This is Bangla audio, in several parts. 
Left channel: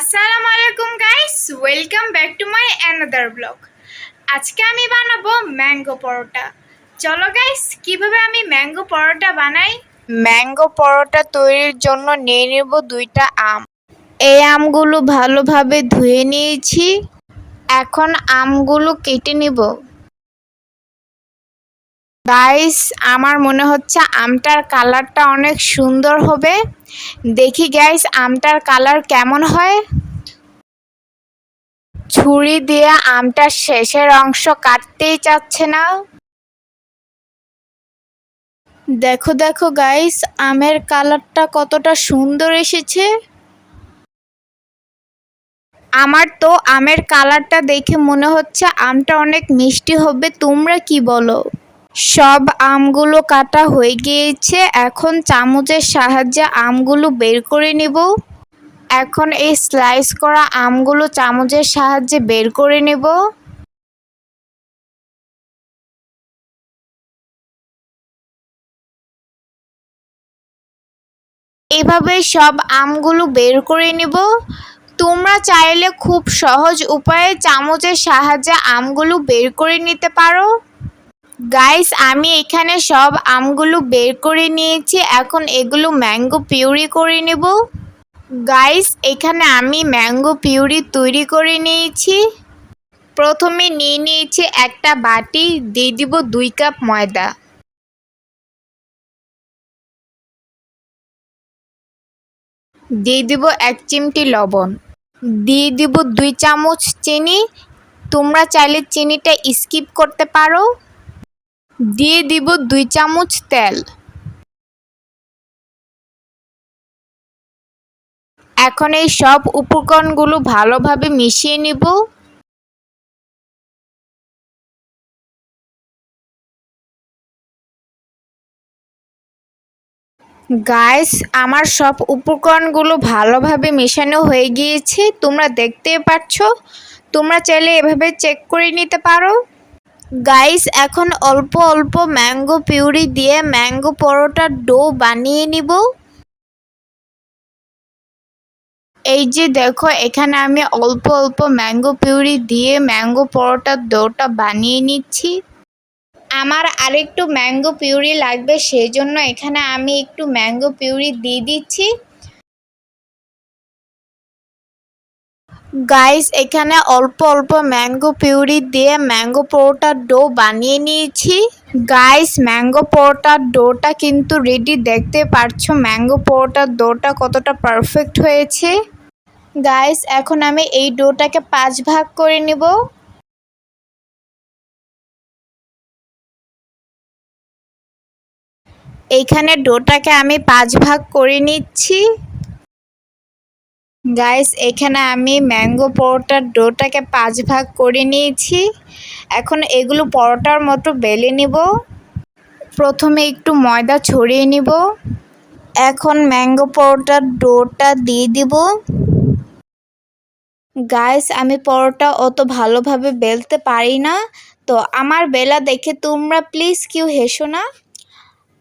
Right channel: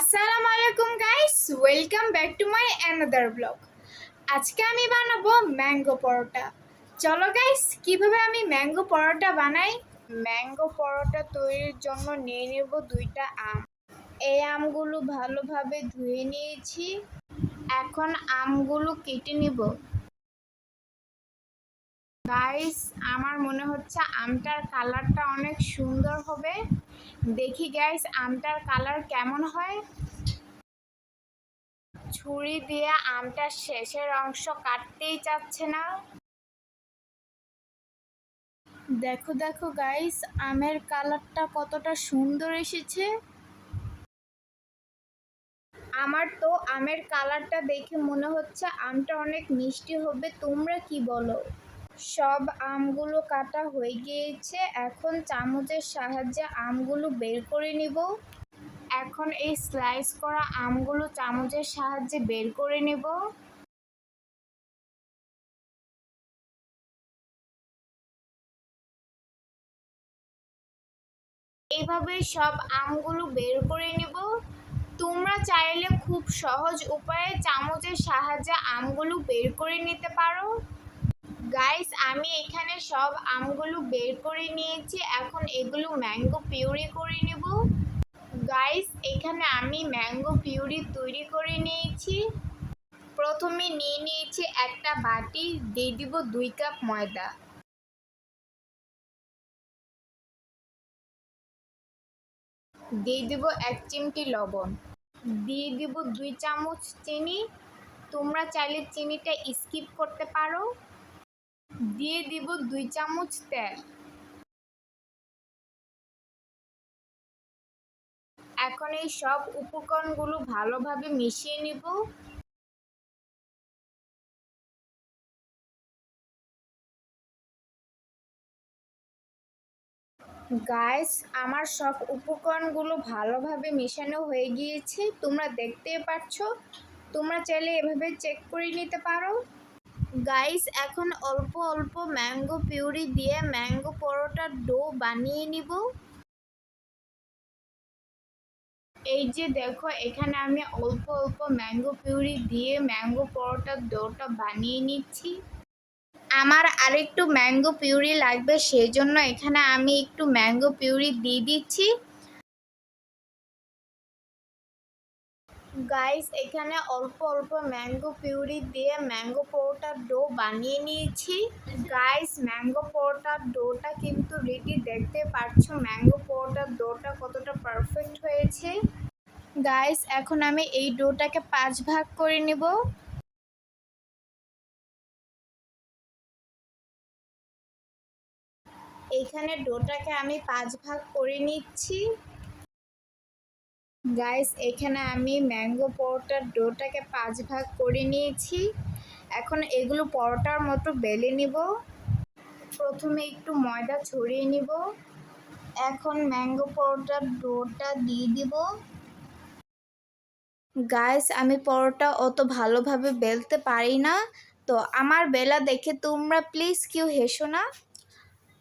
আসসালামু আলাইকুম guys, welcome back to my another blog. আজকে আমি বানাবো ম্যাঙ্গো পরোটা। চলো গাইস, কিভাবে আমি ম্যাঙ্গো পরোটা বানাই। ম্যাঙ্গো পরোটা তৈরির জন্য নিয়ে নেব 2টা আম। এই আমগুলো ভালোভাবে ধুয়ে নিয়েছি। এখন আমগুলো কেটে নিব। গাইস, আমার মনে হচ্ছে আমটার কালারটা অনেক সুন্দর হবে। দেখি গাইস, আমটার কালার কেমন হয়। ছুরি দিয়ে আমটার শেষের অংশ কাটতেই চাচ্ছে না। দেখো দেখো গাইস, আমের কালারটা কতটা সুন্দর এসেছে। আমার তো আমের কালারটা দেখে মনে হচ্ছে আমটা অনেক মিষ্টি হবে। তোমরা কি বলো? সব আমগুলো কাটা হয়ে গিয়েছে। এখন চামচের সাহায্যে আমগুলো বের করে নেব। এখন এই স্লাইস করা আমগুলো চামচের সাহায্যে বের করে নেব। এভাবে সব আমগুলো বের করে নিব। তোমরা চাইলে খুব সহজ উপায়ে চামচের সাহায্যে আমগুলো বের করে নিতে পারো। গাইস, আমি এখানে সব আমগুলো বের করে নিয়েছি। এখন এগুলো ম্যাঙ্গো পিউরি করে নেব। গাইস, এখানে আমি ম্যাঙ্গো পিউরি তৈরি করে নিয়েছি। প্রথমে নিয়ে নিয়েছি একটা বাটি, দিয়ে দিব 2 কাপ ময়দা। দিয়ে দিব 1 চিমটি লবণ। দিয়ে দিব 2 চামচ চিনি। তোমরা চাইলে চিনিটা স্কিপ করতে পারো। দিয়ে দিব 2 চামচ তেল। এখন এই সব উপকরণগুলো ভালোভাবে মিশিয়ে নিব। গাইস, আমার সব উপকরণগুলো ভালোভাবে মেশানো হয়ে গিয়েছে, তোমরা দেখতে পাচ্ছ। তোমরা চাইলে এভাবে চেক করে নিতে পারো। গাইস, এখন অল্প অল্প ম্যাঙ্গো পিউরি দিয়ে ম্যাঙ্গো পরোটার ডো বানিয়ে নিব। এই যে দেখো, এখানে আমি অল্প অল্প ম্যাঙ্গো পিউরি দিয়ে ম্যাঙ্গো পরোটার ডোটা বানিয়ে নিচ্ছি। আমার আরেকটু ম্যাঙ্গো পিউরি লাগবে, সেই জন্য এখানে আমি একটু ম্যাঙ্গো পিউরি দিয়ে দিচ্ছি। গাইস, এখানে অল্প অল্প ম্যাঙ্গো পিউরি দিয়ে ম্যাঙ্গো পরোটার ডো বানিয়ে নিয়েছি। গাইস, ম্যাঙ্গো পরোটার ডোটা কিন্তু রেডি। দেখতে পাচ্ছো ম্যাঙ্গো পরোটার ডোটা কতটা পারফেক্ট হয়েছে। গাইস, এখন আমি এই ডোটাকে 5 ভাগ করে নিব। এইখানে ডোটাকে আমি 5 ভাগ করে নিচ্ছি। গাইস, এখানে আমি ম্যাঙ্গো পরোটার ডোটাকে 5 ভাগ করে নিয়েছি। এখন এগুলো পরোটার মতো বেলে নিব। প্রথমে একটু ময়দা ছড়িয়ে নিব। এখন ম্যাঙ্গো পরোটার ডোটা দিয়ে দিব। গাইস, আমি পরোটা অত ভালোভাবে বেলতে পারি না, তো আমার বেলা দেখে তোমরা প্লিজ কেউ হেসো না।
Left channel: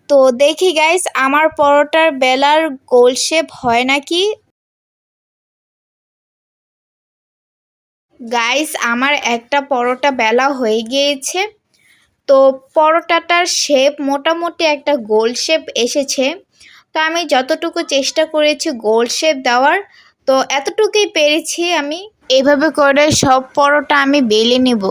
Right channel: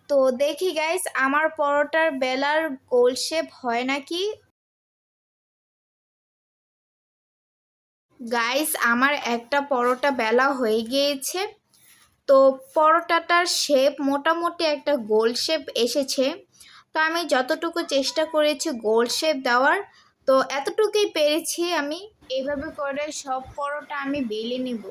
তো দেখি গাইস, আমার পরোটার বেলার গোল শেপ হয় নাকি। গাইস, আমার একটা পরোটা বেলা হয়ে গিয়েছে। তো পরোটাটার শেপ মোটামুটি একটা গোল শেপ এসেছে। তো আমি যতটুকু চেষ্টা করেছি গোল শেপ দেওয়ার, তো এতটুকুই পেরেছি আমি। এভাবে করে সব পরোটা আমি বেলে নেব।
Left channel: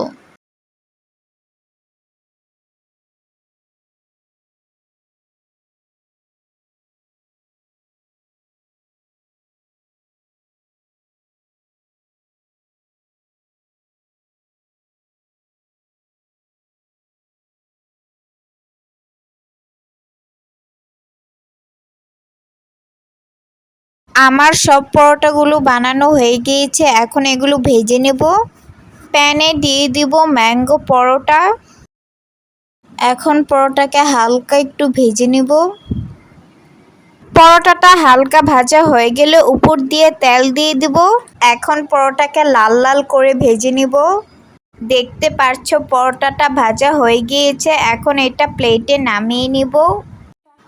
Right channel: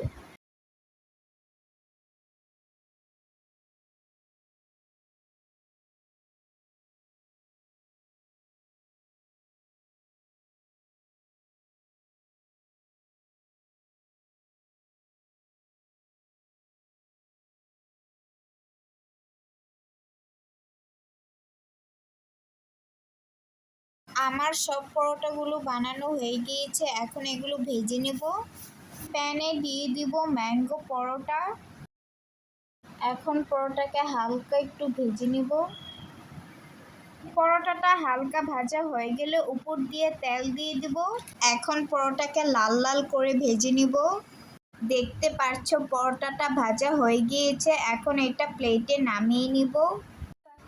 আমার সব পরোটাগুলো বানানো হয়ে গিয়েছে। এখন এগুলো ভেজে নেব। প্যানে দিয়ে দিব ম্যাঙ্গো পরোটা। এখন পরোটাকে হালকা একটু ভেজে নেব। পরোটাটা হালকা ভাজা হয়ে গেলে উপর দিয়ে তেল দিয়ে দিব। এখন পরোটাকে লাল লাল করে ভেজে নিব। দেখতে পাচ্ছ পরোটাটা ভাজা হয়ে গিয়েছে। এখন এটা প্লেটে নামিয়ে নিব।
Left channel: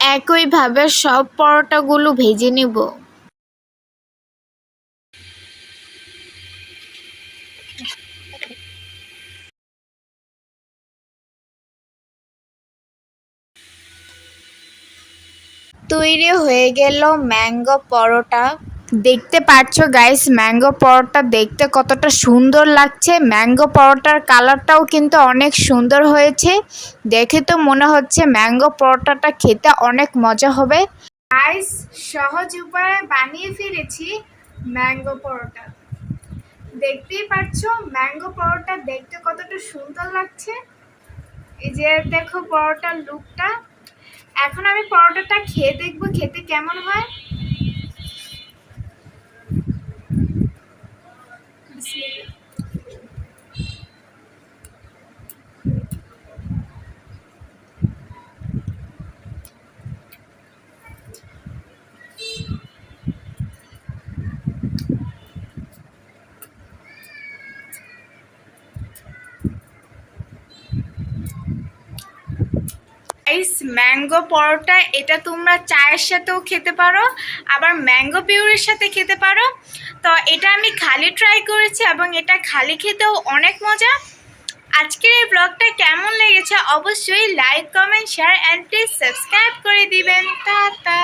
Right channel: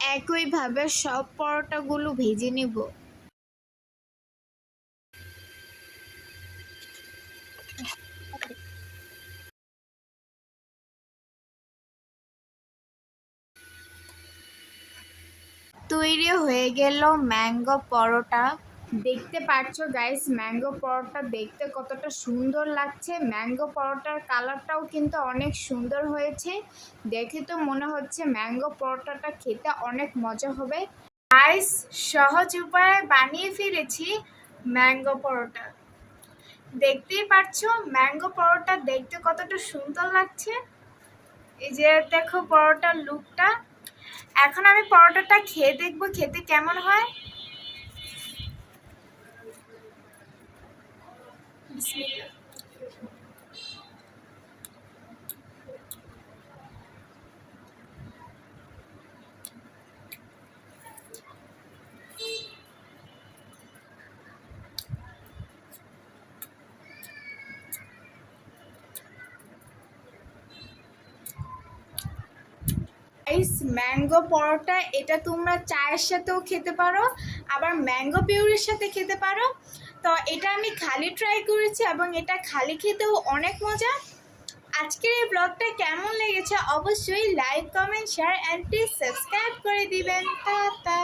একইভাবে সব পরোটাগুলো ভেজে নিব। তৈরি হয়ে গেল ম্যাঙ্গো পরোটা। দেখতে পাচ্ছ গাইস, ম্যাঙ্গো পরোটা দেখতে কতটা সুন্দর লাগছে। ম্যাঙ্গো পরোটার কালারটাও কিন্তু অনেক সুন্দর হয়েছে। দেখে তো মনে হচ্ছে ম্যাঙ্গো পরোটাটা খেতে অনেক মজা হবে। গাইস, সহজ উপায়ে বানিয়ে ফেলেছি ম্যাঙ্গো পরোটা। দেখতেই পাচ্ছ ম্যাঙ্গো পরোটা দেখতে কতটা সুন্দর লাগছে। এই যে দেখো পরোটার লুকটা। এখন আমি পরোটাটা খেয়ে দেখবো খেতে কেমন হয়। ম্যাঙ্গো পরোটা এটা তোমরা চায়ের সাথেও খেতে পারো, আবার ম্যাঙ্গো পিউরির সাথে খেতে পারো। তো এটা আমি খালি ট্রাই করেছি এবং এটা খালি খেতেও অনেক মজা। আজকের এই ব্লগটা কেমন লেগেছে অবশ্যই like, comment, share and please subscribe করে দিবেন। টাটা।